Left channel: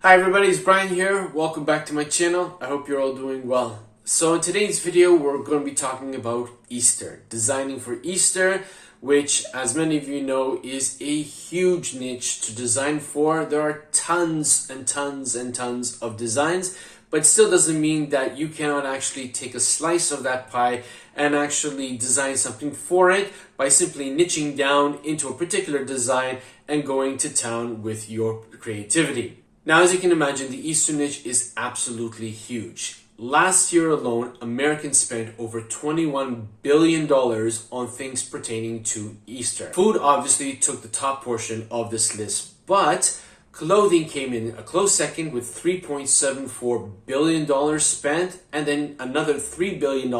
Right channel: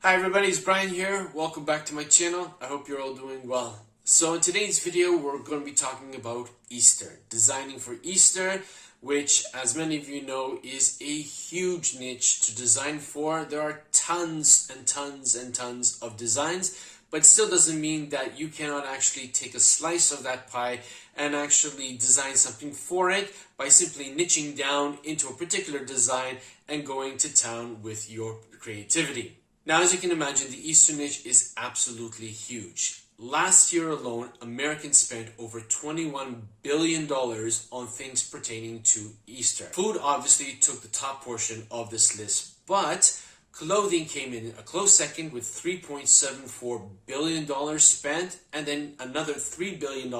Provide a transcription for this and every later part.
Hi everybody, it's Brian here. Welcome back to my channel. I hope you're all doing well. So in today's video, we're going to be talking about Easter, designing for Easter, which as many of you know is a huge niche to design for. There are tons and tons and tons of designs, but still doesn't mean that you cannot actually take a slice of that pie and actually design something for it by simply niching down into a particular design and going to town with your creativity. Now, as you can imagine, the Easter niche is absolutely huge. Last year alone, Americans spent over $21 billion on things pertaining to Easter. Food obviously took the top portion of this list, but clothing came in a close second with $3.74 billion spent, and then another $3 billion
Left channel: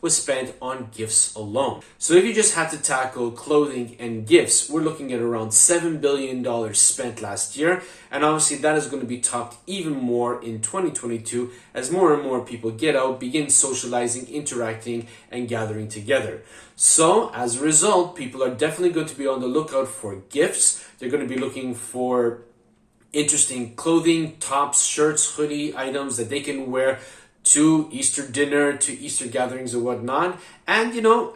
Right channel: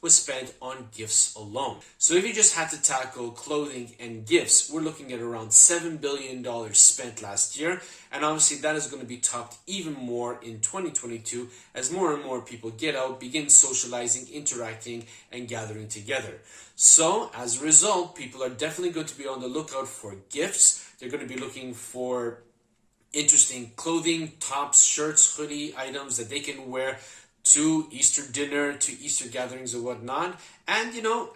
was spent on gifts alone. So if you just had to tackle clothing and gifts, we're looking at around $7 billion spent last year. And obviously that is going to be topped even more in 2022 as more and more people get out, begin socializing, interacting, and gathering together. So as a result, people are definitely going to be on the lookout for gifts. They're going to be looking for interesting clothing, tops, shirts, hoodie items that they can wear to Easter dinner, to Easter gatherings or whatnot. And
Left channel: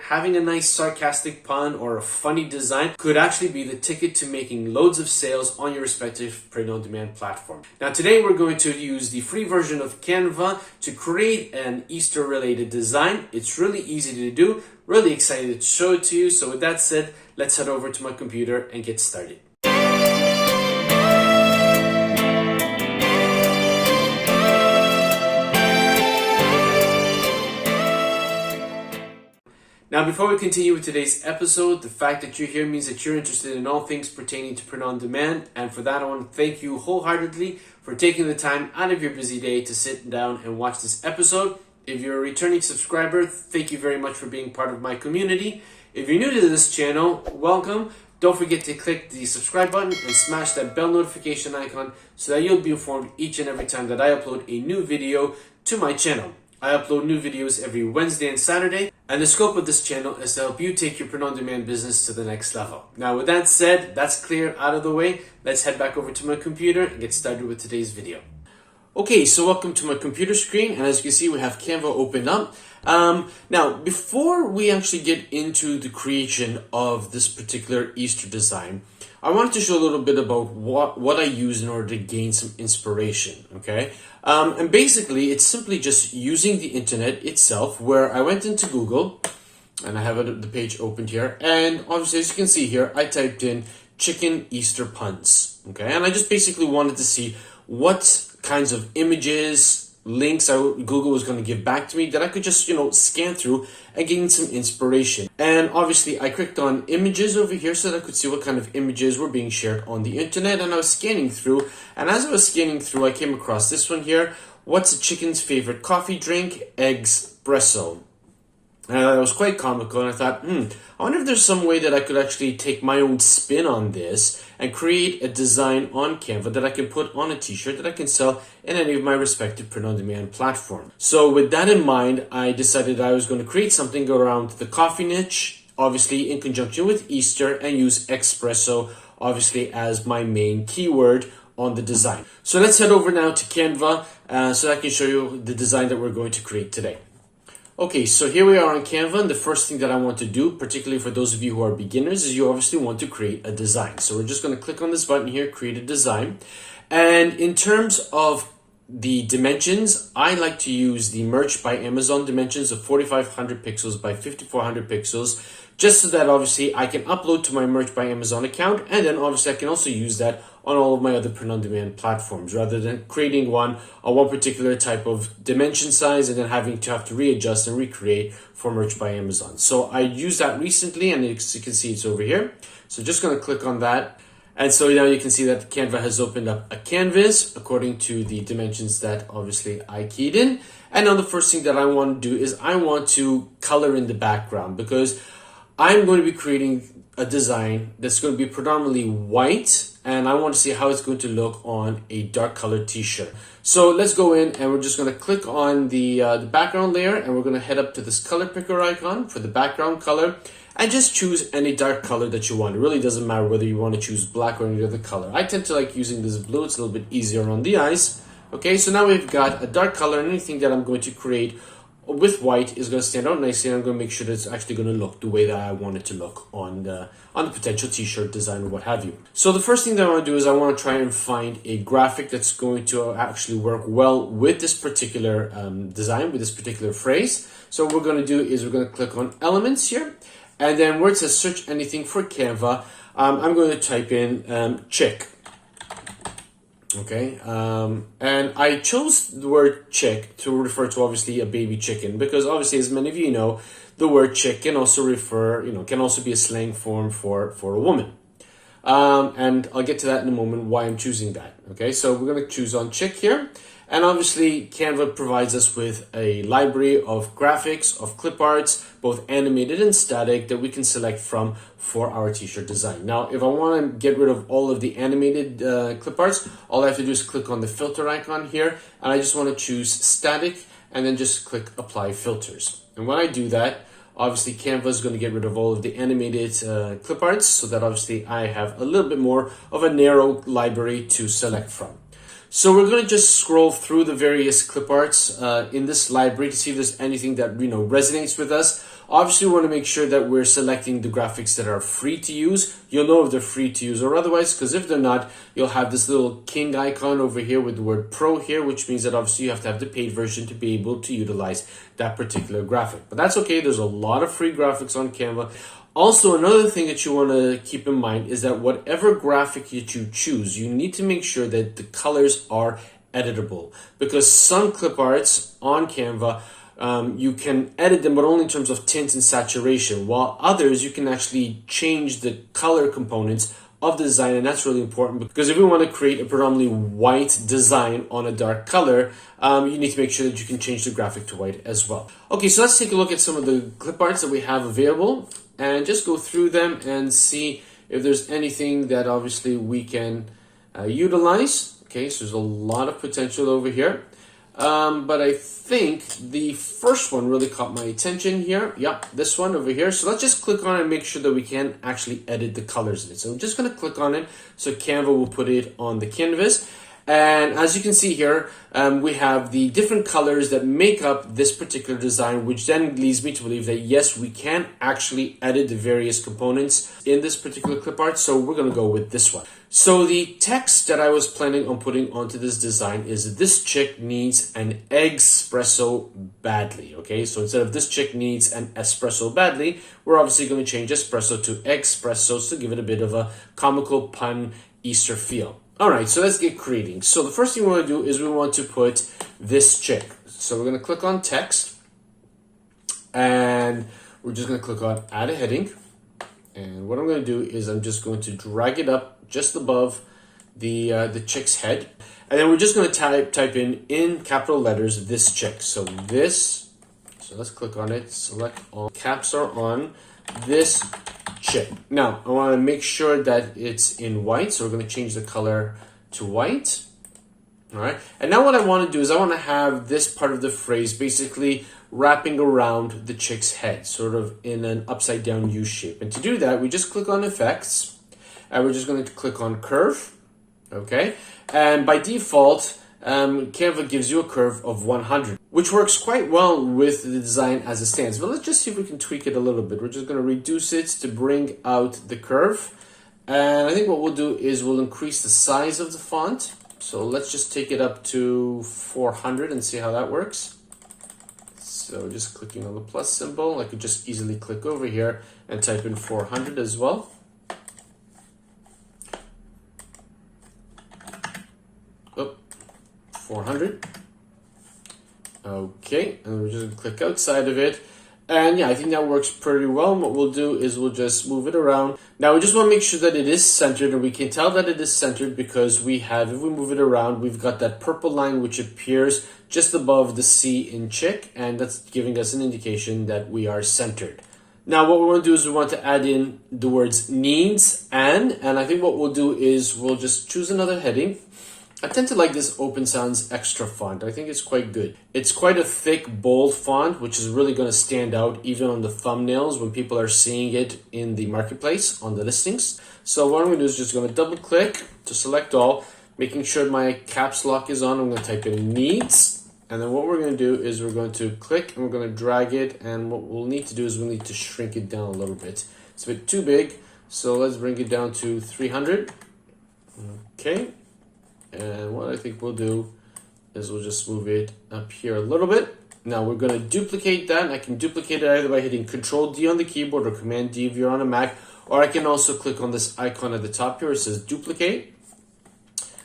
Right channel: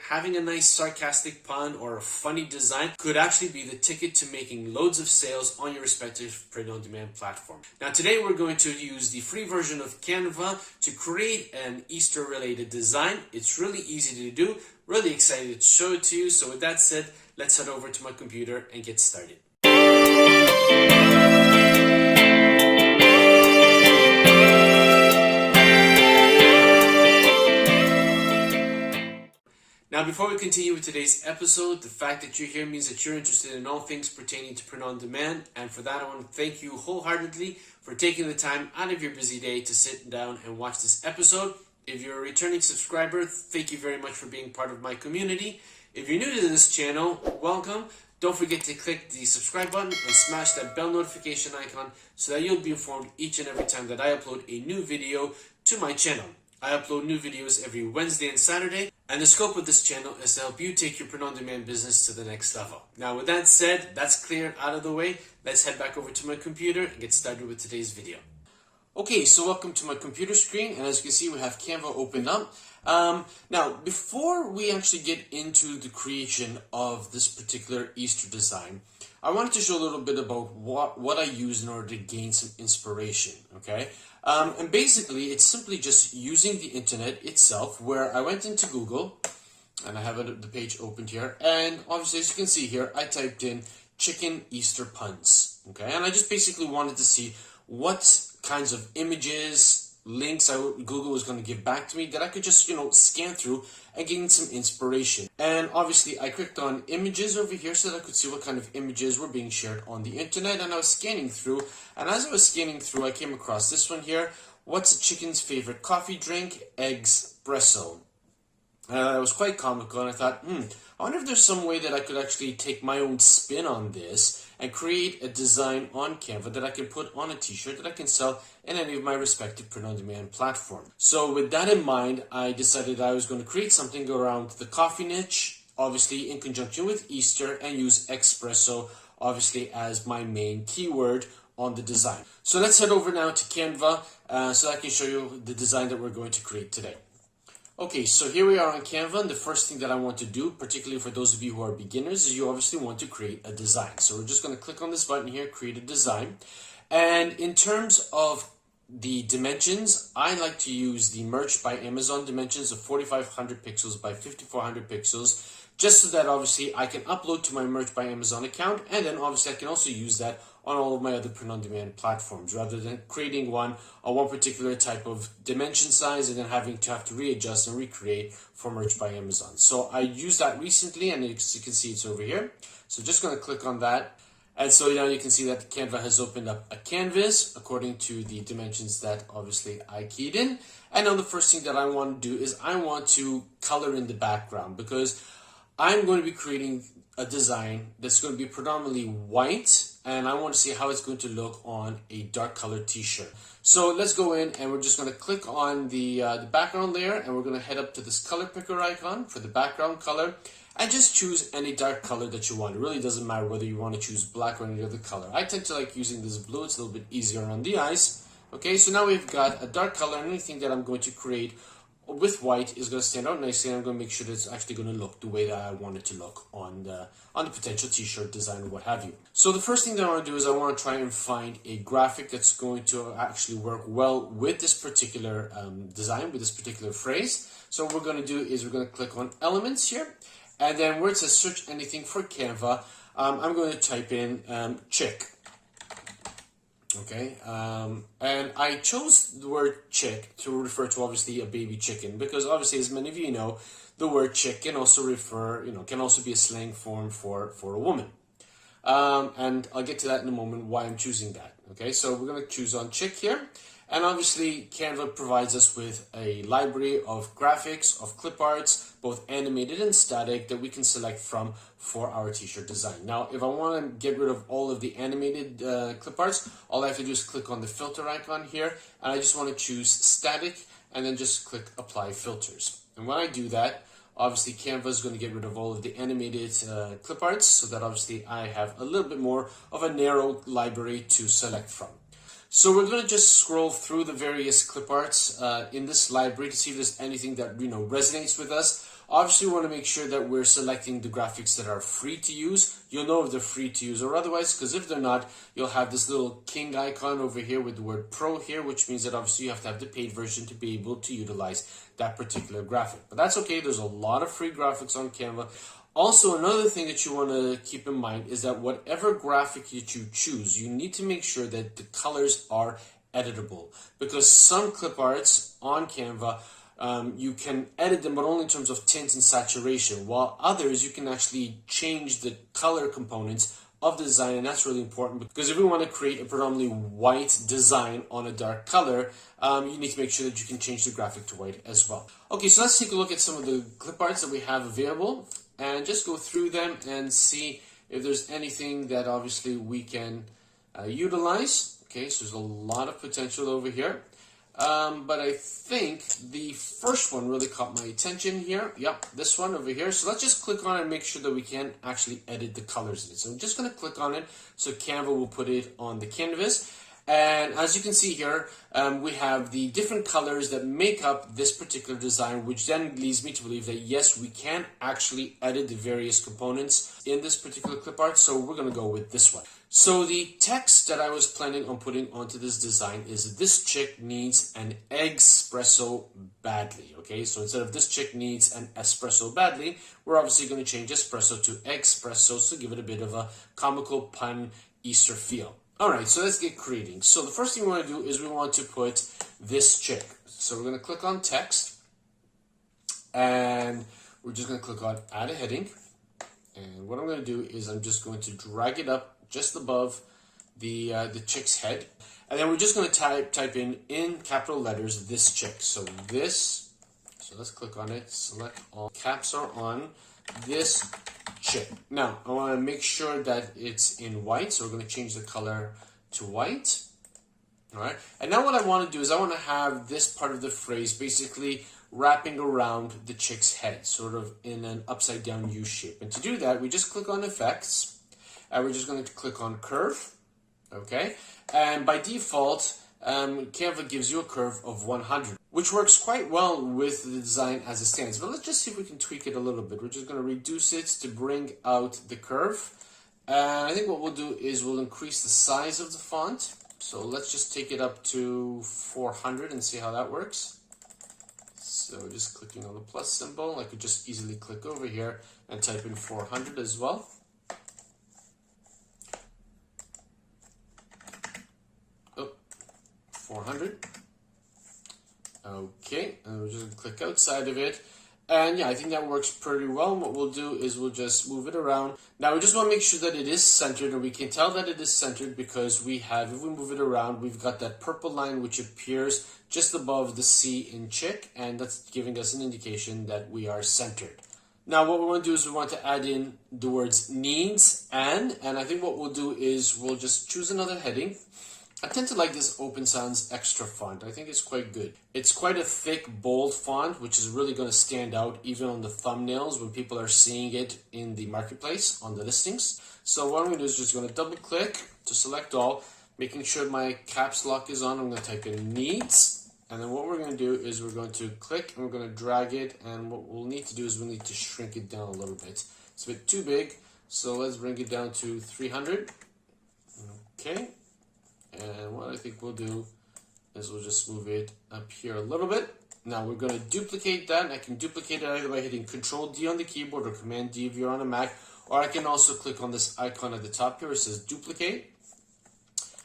having a nice sarcastic pun or a funny design could actually be the ticket to making loads of sales on your respective print-on-demand platform. Now today we're going to use the free version of Canva to create an Easter related design. It's really easy to do, really excited to show it to you. So with that said, let's head over to my computer and get started. Now, before we continue with today's episode, the fact that you're here means that you're interested in all things pertaining to print on demand. And for that, I want to thank you wholeheartedly for taking the time out of your busy day to sit down and watch this episode. If you're a returning subscriber, thank you very much for being part of my community. If you're new to this channel, welcome. Don't forget to click the subscribe button and smash that bell notification icon so that you'll be informed each and every time that I upload a new video to my channel. I upload new videos every Wednesday and Saturday, and the scope of this channel is to help you take your print-on-demand business to the next level. Now, with that said, that's clear out of the way. Let's head back over to my computer and get started with today's video. Okay, so welcome to my computer screen, and as you can see, we have Canva opened up. Now, before we actually get into the creation of this particular Easter design, I wanted to show a little bit about what I use in order to gain some inspiration, okay? And basically, it's simply just using the internet itself, where I went into Google, and I have the page opened here, and obviously, as you can see here, I typed in chicken Easter puns, okay? And I just basically wanted to see what kinds of images, links Google was going to give back to me that I could just, scan through and gain some inspiration. And obviously I clicked on images over here so that I could see what kind of images were being shared on the internet, and I was scanning through, and as I was scanning through, I came across this one here. What's a chicken's favorite coffee drink? Espresso. And that was quite comical, and I thought, I wonder if there's some way that I could actually take my own spin on this and create a design on Canva that I can put on a t-shirt that I can sell in any of my respective print-on-demand platforms. So with that in mind, I decided I was going to create something around the coffee niche, obviously in conjunction with Easter, and use espresso, obviously, as my main keyword on the design. So let's head over now to Canva so I can show you the design that we're going to create today. Okay, so here we are on Canva, and the first thing that I want to do, particularly for those of you who are beginners, is you obviously want to create a design. So we're just going to click on this button here, create a design. And in terms of the dimensions, I like to use the Merch by Amazon dimensions of 4500 pixels by 5400 pixels, just so that obviously I can upload to my Merch by Amazon account, and then obviously I can also use that on all of my other print-on-demand platforms, rather than creating one on one particular type of dimension size and then having to readjust and recreate for Merch by Amazon. So I used that recently, and as you can see, it's over here. So just going to click on that. And so now you can see that Canva has opened up a canvas according to the dimensions that obviously I keyed in. And now the first thing that I want to do is I want to color in the background, because I'm going to be creating a design that's going to be predominantly white, and I want to see how it's going to look on a dark colored t-shirt. So let's go in, and we're just going to click on the background layer, and we're going to head up to this color picker icon for the background color. and just choose any dark color that you want. It really doesn't matter whether you want to choose black or any other color. I tend to like using this blue. It's a little bit easier on the eyes. Okay, so now we've got a dark color, and anything that I'm going to create with white is going to stand out nicely, and I'm going to make sure that it's actually going to look the way that I want it to look on the potential t-shirt design or what have you. So the first thing that I want to do is I want to try and find a graphic that's going to actually work well with this particular design, with this particular phrase. So what we're going to do is we're going to click on elements here, and then where it says search anything for Canva, I'm going to type in chick. Okay, and I chose the word chick to refer to obviously a baby chicken, because obviously, as many of you know, the word chick can also refer, can also be a slang form for a woman. And I'll get to that in a moment, why I'm choosing that. Okay, so we're going to choose on chick here. And obviously, Canva provides us with a library of graphics, of clip arts, both animated and static, that we can select from for our t-shirt design. Now, if I want to get rid of all of the animated clip arts, all I have to do is click on the filter icon here, and I just want to choose static, and then just click apply filters. And when I do that, obviously Canva is going to get rid of all of the animated clip arts, so that obviously I have a little bit more of a narrow library to select from. So we're going to just scroll through the various clip arts in this library to see if there's anything that resonates with us. Obviously, we want to make sure that we're selecting the graphics that are free to use. You'll know if they're free to use or otherwise, because if they're not, you'll have this little king icon over here with the word pro here, which means that obviously you have to have the paid version to be able to utilize that particular graphic. But that's okay. There's a lot of free graphics on Canva. Also, another thing that you want to keep in mind is that whatever graphic that you choose, you need to make sure that the colors are editable, because some clip arts on Canva, you can edit them, but only in terms of tint and saturation, while others you can actually change the color components of the design, and that's really important, because if we want to create a predominantly white design on a dark color, you need to make sure that you can change the graphic to white as well. Okay, so let's take a look at some of the clip arts that we have available, and just go through them and see if there's anything that obviously we can utilize. Okay, so there's a lot of potential over here. But I think the first one really caught my attention here. Yep, this one over here. So let's just click on it and make sure that we can actually edit the colors of it. So I'm just going to click on it. So Canva will put it on the canvas. And as you can see here, we have the different colors that make up this particular design, which then leads me to believe that yes, we can actually edit the various components in this particular clip art. So we're going to go with this one. So the text that I was planning on putting onto this design is this chick needs an espresso badly. Okay, so instead of this chick needs an espresso badly, we're obviously going to change espresso to espresso to give it a bit of a comical pun Easter feel. All right, so let's get creating. So the first thing we want to do is we want to put this chick. So we're going to click on text, and we're just going to click on add a heading. And what I'm going to do is I'm just going to drag it up just above the chick's head, and then we're just going to type in capital letters this chick. So this. So let's click on it. Select all. Caps are on this chick. Now I want to make sure that it's in white, so we're going to change the color to white. All right. And now what I want to do is I want to have this part of the phrase basically wrapping around the chick's head, sort of in an upside down U shape. And to do that, we just click on effects, and we're just going to click on curve. Okay. And by default, Canva gives you a curve of 100, which works quite well with the design as it stands. But let's just see if we can tweak it a little bit. We're just going to reduce it to bring out the curve. And I think what we'll do is we'll increase the size of the font. So let's just take it up to 400 and see how that works. So just clicking on the plus symbol, I could just easily click over here and type in 400 as well. Oh, 400. Okay, and we're just going to click outside of it. And yeah, I think that works pretty well. And what we'll do is we'll just move it around. Now we just want to make sure that it is centered, and we can tell that it is centered because we have, if we move it around, we've got that purple line which appears just above the C in chick, and that's giving us an indication that we are centered. Now what we want to do is we want to add in the words needs and I think what we'll do is we'll just choose another heading, I tend to like this Open Sans Extra font. I think it's quite good. It's quite a thick, bold font, which is really going to stand out even on the thumbnails when people are seeing it in the marketplace, on the listings. So what I'm going to do is just going to double click to select all, making sure my caps lock is on. I'm going to type in needs. And then what we're going to do is we're going to click and we're going to drag it. And what we'll need to do is we'll need to shrink it down a little bit. It's a bit too big. So let's bring it down to 300. Okay. And what I think we'll do is we'll just move it up here a little bit. Now we're going to duplicate that. I can duplicate it either by hitting Control D on the keyboard or Command D if you're on a Mac. Or I can also click on this icon at the top here. It says duplicate.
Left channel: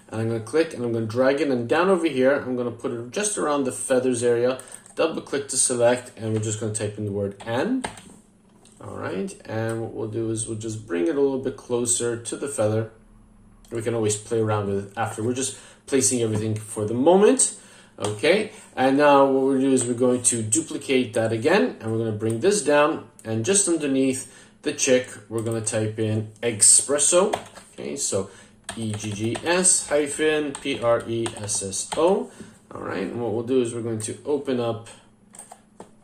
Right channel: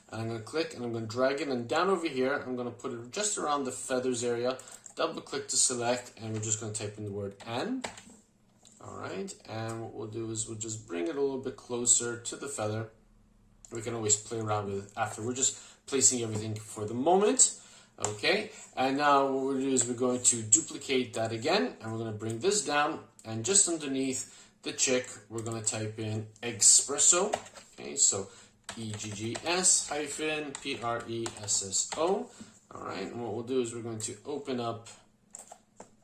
And I'm going to click and I'm going to drag it. And down over here, I'm going to put it just around the feathers area. Double click to select. And we're just going to type in the word and. All right. And what we'll do is we'll just bring it a little bit closer to the feather. We can always play around with it after. We're just placing everything for the moment. Okay, and now what we're going to do is we're going to duplicate that again, and we're going to bring this down, and just underneath the check, we're going to type in espresso. Okay, so EGGS-PRESSO. All right, and what we'll do is we're going to open up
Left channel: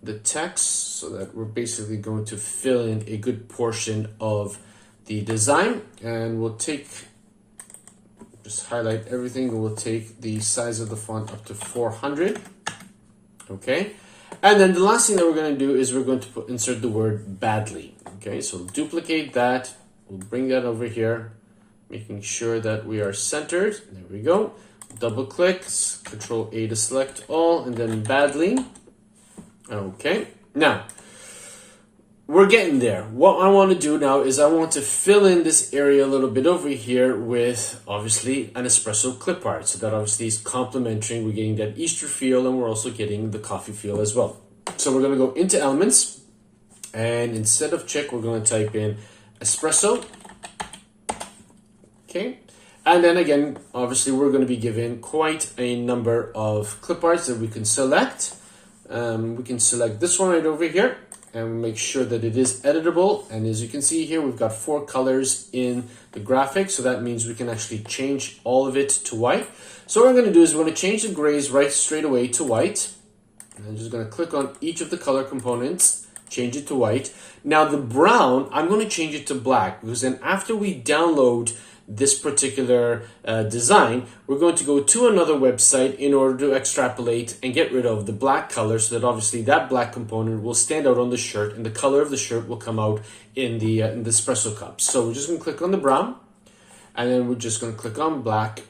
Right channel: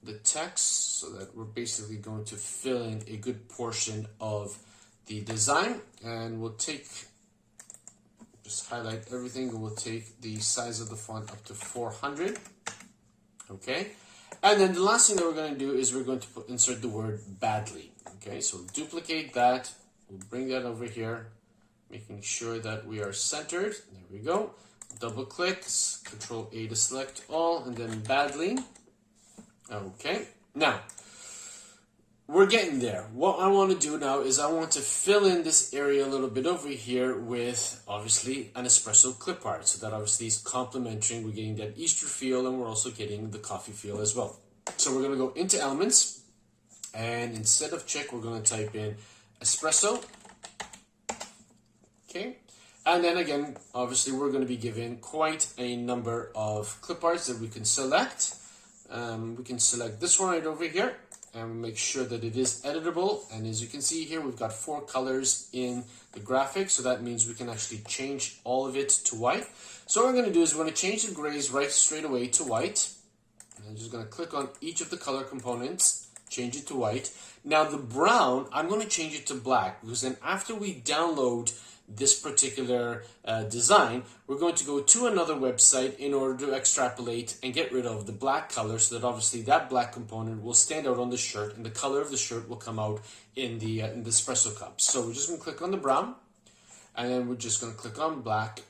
the text so that we're basically going to fill in a good portion of the design, and we'll take... just highlight everything, and we'll take the size of the font up to 400. Okay, and then the last thing that we're going to do is we're going to insert the word badly. Okay, so duplicate that, we'll bring that over here, making sure that we are centered. There we go. Double click, Control A to select all, and then badly. Okay, now we're getting there. What I want to do now is I want to fill in this area a little bit over here with, obviously, an espresso clip art. So that obviously is complementary. We're getting that Easter feel, and we're also getting the coffee feel as well. So we're going to go into Elements, and instead of check, we're going to type in espresso. Okay. And then again, obviously, we're going to be given quite a number of clip arts that we can select. We can select this one right over here, and make sure that it is editable. And as you can see here, we've got 4 colors in the graphic, so that means we can actually change all of it to white. So what we're going to do is we're going to change the grays right straight away to white. And I'm just going to click on each of the color components, change it to white. Now the brown, I'm going to change it to black, because then after we download this particular design, we're going to go to another website in order to extrapolate and get rid of the black color, so that obviously that black component will stand out on the shirt, and the color of the shirt will come out in the espresso cup. So we're just going to click on the brown, and then we're just going to click on black.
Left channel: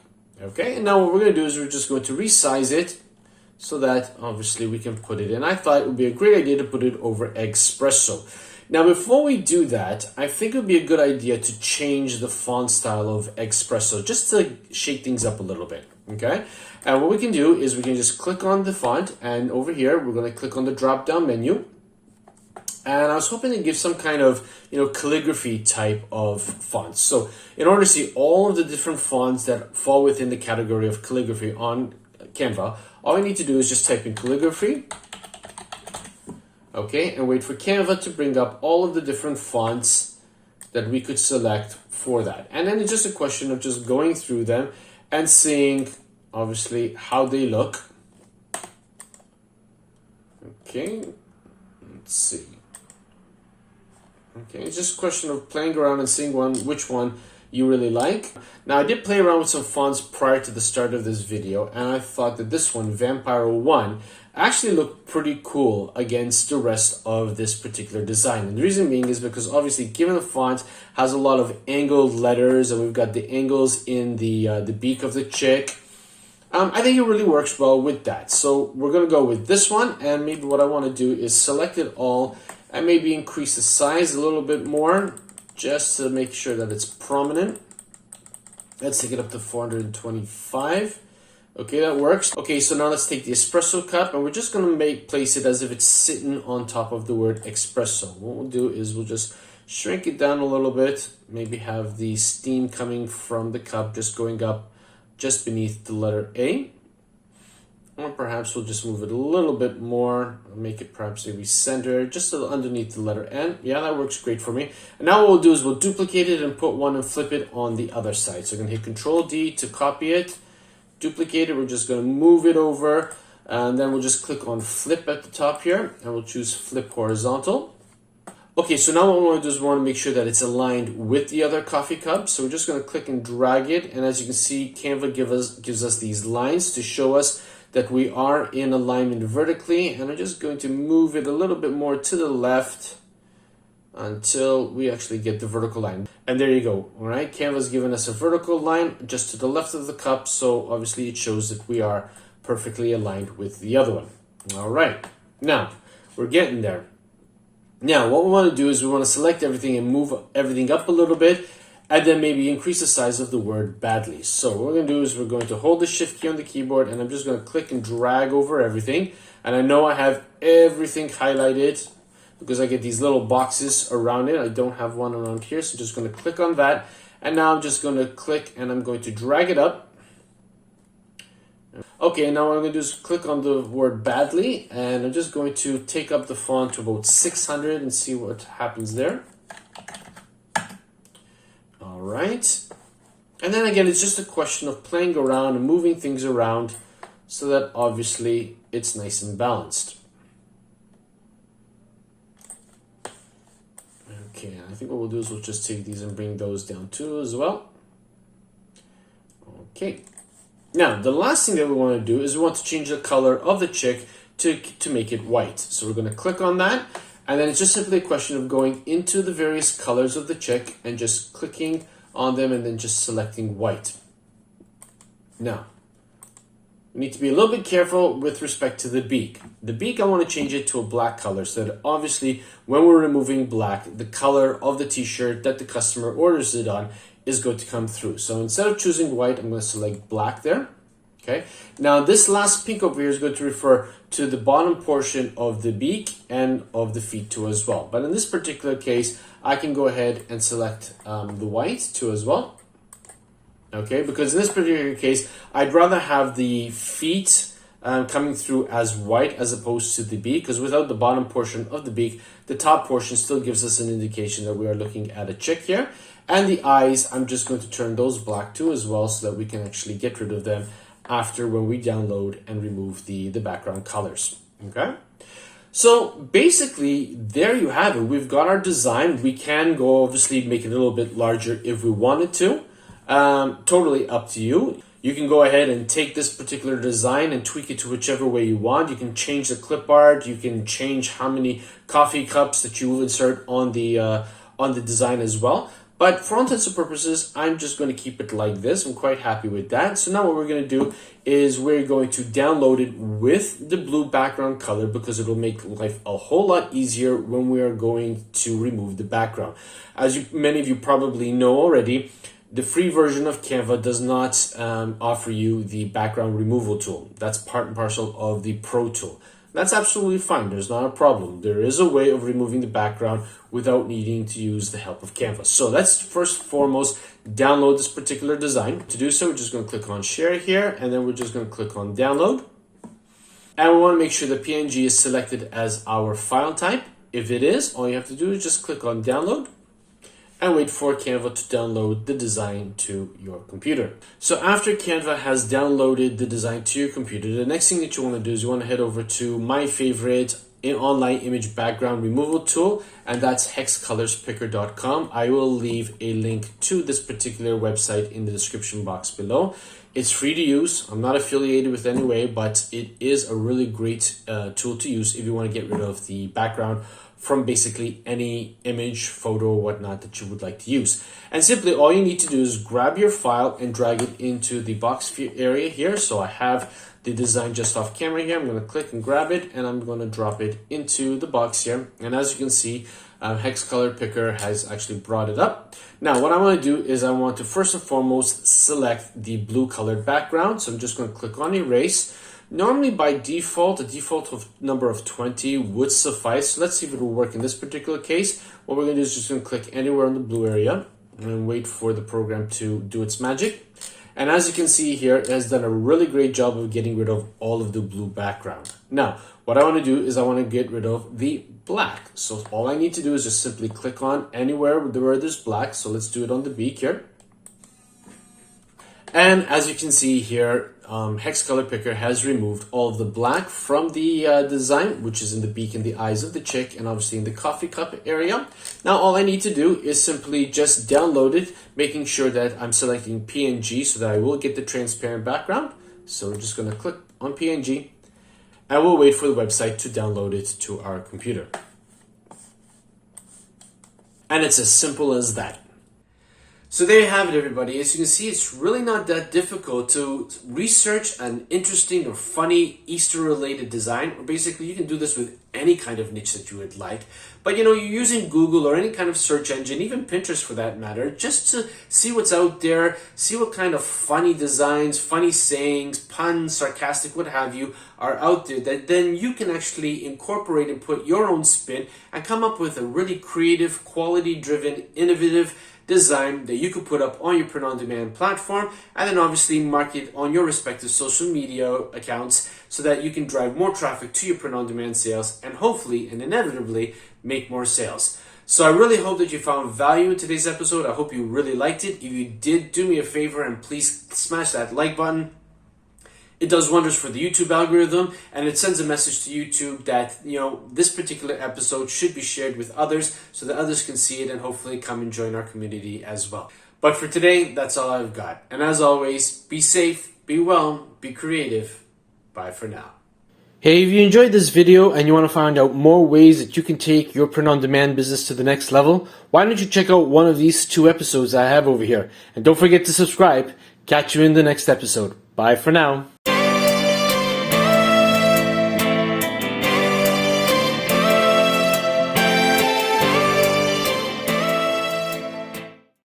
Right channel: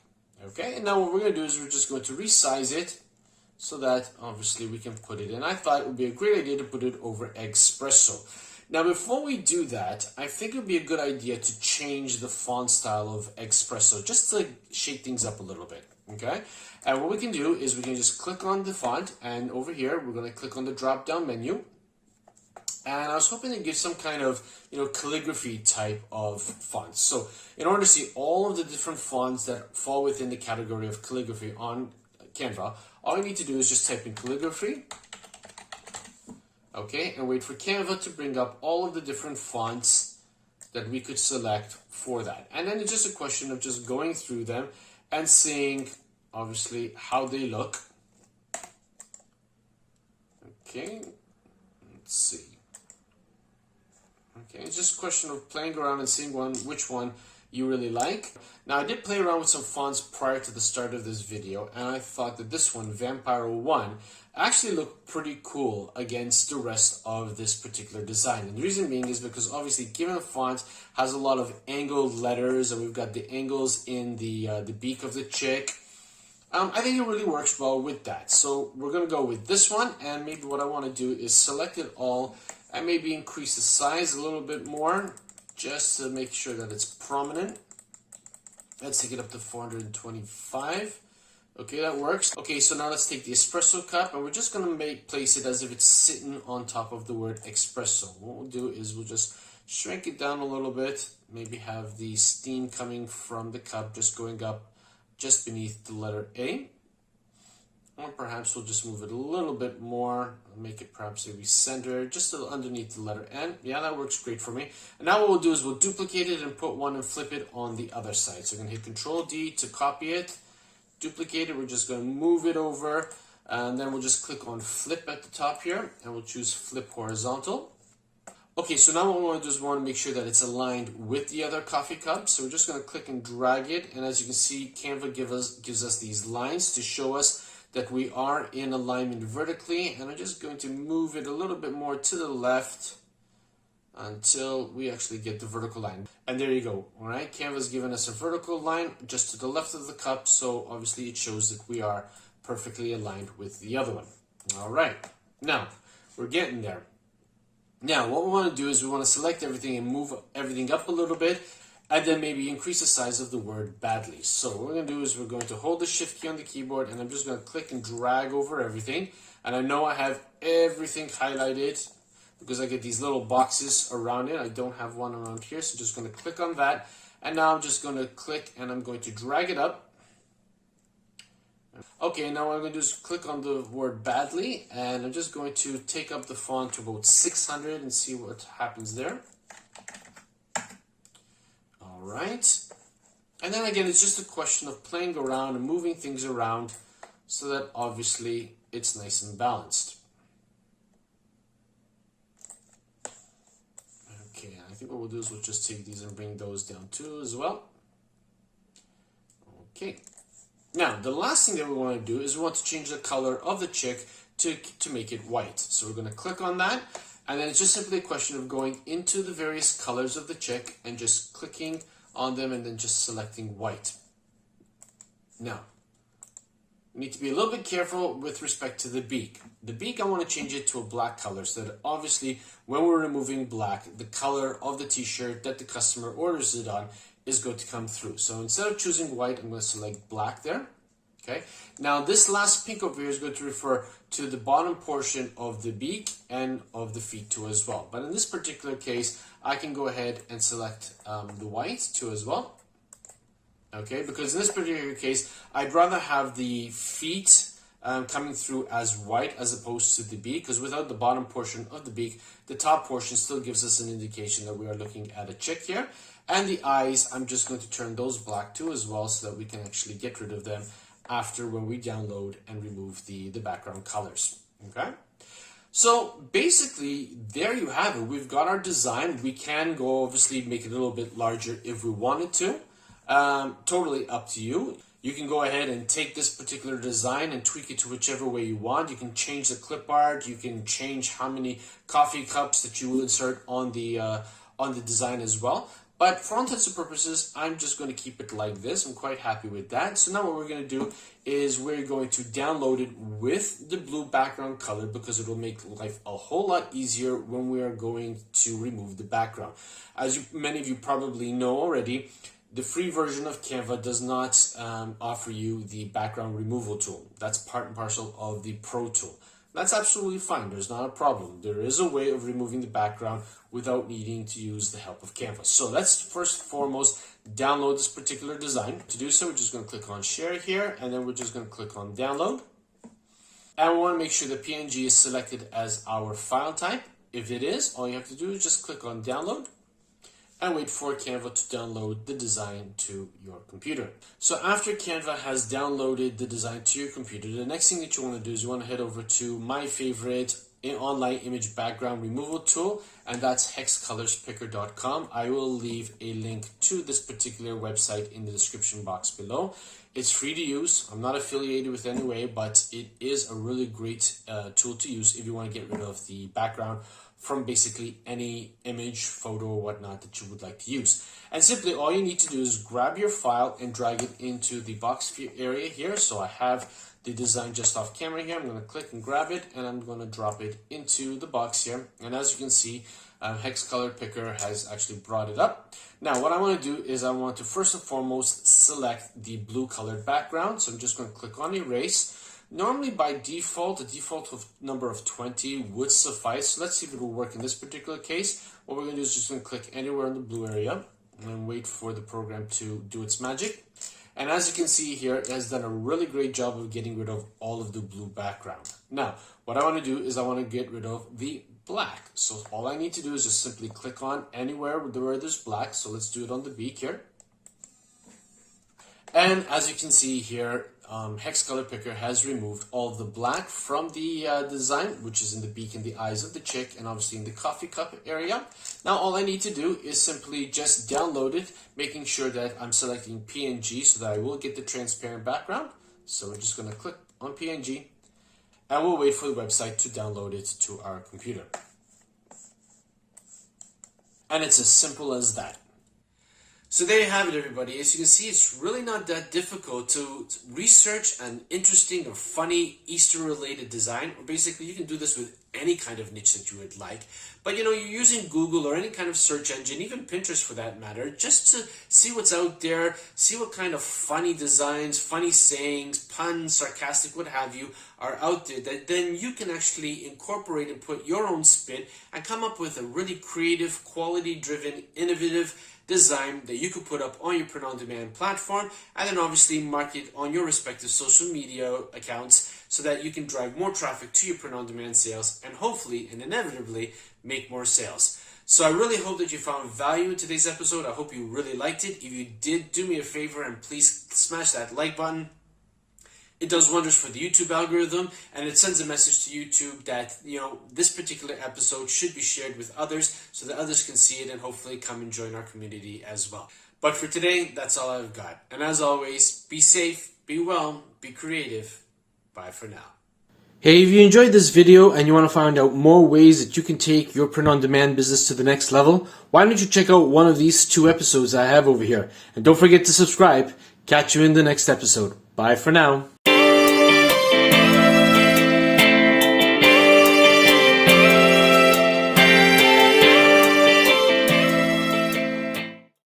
Okay, and now what we're going to do is we're just going to resize it so that obviously we can put it in. I thought it would be a great idea to put it over espresso. Now, before we do that, I think it would be a good idea to change the font style of espresso, just to shake things up a little bit, okay? And what we can do is we can just click on the font, and over here, we're going to click on the drop-down menu. And I was hoping to give some kind of, calligraphy type of fonts. So in order to see all of the different fonts that fall within the category of calligraphy on Canva, all I need to do is just type in calligraphy. Okay, and wait for Canva to bring up all of the different fonts that we could select for that. And then it's just a question of just going through them and seeing, obviously, how they look. Okay, let's see. Okay, it's just a question of playing around and seeing which one you really like. Now, I did play around with some fonts prior to the start of this video, and I thought that this one, Vampire 1, actually looked pretty cool against the rest of this particular design. And the reason being is because obviously, given the font has a lot of angled letters, and we've got the angles in the beak of the chick, I think it really works well with that. So we're going to go with this one, and maybe what I want to do is select it all and maybe increase the size a little bit more just to make sure that it's prominent. Let's take it up to 425. Okay, that works. Okay, so now let's take the espresso cup, and we're just going to place it as if it's sitting on top of the word espresso. What we'll do is we'll just shrink it down a little bit, maybe have the steam coming from the cup just going up just beneath the letter A. Or perhaps we'll just move it a little bit more, make it perhaps maybe centered, just underneath the letter N. Yeah, that works great for me. And now what we'll do is we'll duplicate it and put one and flip it on the other side. So I'm going to hit Control D to copy it, duplicate it. We're just going to move it over, and then we'll just click on flip at the top here, and we'll choose flip horizontal. Okay, so now what we want to do is we want to make sure that it's aligned with the other coffee cup. So we're just going to click and drag it, and as you can see, Canva gives us these lines to show us that we are in alignment vertically, and I'm just going to move it a little bit more to the left until we actually get the vertical line. And there you go. All right, Canva's given us a vertical line just to the left of the cup, so obviously it shows that we are perfectly aligned with the other one. All right, now we're getting there. Now what we want to do is we want to select everything and move everything up a little bit, and then maybe increase the size of the word badly. So what we're going to do is we're going to hold the shift key on the keyboard, and I'm just going to click and drag over everything. And I know I have everything highlighted because I get these little boxes around it. I don't have one around here, so I'm just going to click on that. And now I'm just going to click and I'm going to drag it up. Okay, now what I'm going to do is click on the word badly, and I'm just going to take up the font to about 600 and see what happens there. All right. And then again, it's just a question of playing around and moving things around so that obviously it's nice and balanced. Okay, I think what we'll do is we'll just take these and bring those down too as well. Okay. Now, the last thing that we want to do is we want to change the color of the check to make it white. So we're going to click on that, and then it's just simply a question of going into the various colors of the check and just clicking on them and then just selecting white. Now, we need to be a little bit careful with respect to the beak. The beak, I want to change it to a black color so that obviously when we're removing black, the color of the t-shirt that the customer orders it on is going to come through. So instead of choosing white, I'm going to select black there. Okay. Now this last pink over here is going to refer to the bottom portion of the beak and of the feet too as well. But in this particular case, I can go ahead and select the white too as well. Okay, because in this particular case, I'd rather have the feet coming through as white as opposed to the beak, because without the bottom portion of the beak, the top portion still gives us an indication that we are looking at a chick here. And the eyes, I'm just going to turn those black too as well so that we can actually get rid of them after when we download and remove the background colors. Okay, so basically there you have it. We've got our design. We can go obviously make it a little bit larger if we wanted to. Totally up to you. You can go ahead and take this particular design and tweak it to whichever way you want. You can change the clip art. You can change how many coffee cups that you will insert on the design as well. But for all intents and purposes, I'm just going to keep it like this. I'm quite happy with that. So now what we're going to do is we're going to download it with the blue background color because it will make life a whole lot easier when we are going to remove the background. As many of you probably know already, the free version of Canva does not offer you the background removal tool. That's part and parcel of the Pro tool. That's absolutely fine. There's not a problem. There is a way of removing the background without needing to use the help of Canva. So let's first and foremost download this particular design. To do so, we're just going to click on share here, and then we're just going to click on download. And we want to make sure the PNG is selected as our file type. If it is, all you have to do is just click on download and wait for Canva to download the design to your computer. So after Canva has downloaded the design to your computer, the next thing that you want to do is you want to head over to my favorite online image background removal tool, and that's hexcolorspicker.com. I will leave a link to this particular website in the description box below. It's free to use. I'm not affiliated with any way, but it is a really great tool to use if you want to get rid of the background from basically any image, photo, or whatnot that you would like to use. And simply all you need to do is grab your file and drag it into the box area here. So I have the design just off camera here. I'm going to click and grab it, and I'm going to drop it into the box here. And as you can see, Hex Color Picker has actually brought it up. Now what I want to do is I want to first and foremost select the blue colored background. So I'm just going to click on erase. Normally by default, a default of number of 20 would suffice. So let's see if it will work in this particular case. What we're going to do is just going to click anywhere in the blue area and wait for the program to do its magic. And as you can see here, it has done a really great job of getting rid of all of the blue background. Now, what I want to do is I want to get rid of the black. So all I need to do is just simply click on anywhere where there's black. So let's do it on the beak here. And as you can see here, Hex Color Picker has removed all of the black from the design, which is in the beak and the eyes of the chick, and obviously in the coffee cup area. Now all I need to do is simply just download it, making sure that I'm selecting PNG so that I will get the transparent background. So we're just going to click on PNG, and we'll wait for the website to download it to our computer. And it's as simple as that. So there you have it, everybody. As you can see, it's really not that difficult to research an interesting or funny Easter-related design. Or basically, you can do this with any kind of niche that you would like. But you're using Google or any kind of search engine, even Pinterest for that matter, just to see what's out there, see what kind of funny designs, funny sayings, puns, sarcastic, what have you, are out there that then you can actually incorporate and put your own spin and come up with a really creative, quality-driven, innovative design that you could put up on your print-on-demand platform, and then obviously market on your respective social media accounts so that you can drive more traffic to your print-on-demand sales and hopefully and inevitably make more sales. So I really hope that you found value in today's episode. I hope you really liked it. If you did, do me a favor and please smash that like button. It does wonders for the YouTube algorithm, and it sends a message to YouTube that, this particular episode should be shared with others so that others can see it and hopefully come and join our community as well. But for today, that's all I've got. And as always, be safe, be well, be creative. Bye for now. Hey, if you enjoyed this video and you want to find out more ways that you can take your print-on-demand business to the next level, why don't you check out one of these 2 episodes I have over here. And don't forget to subscribe. Catch you in the next episode. Bye for now.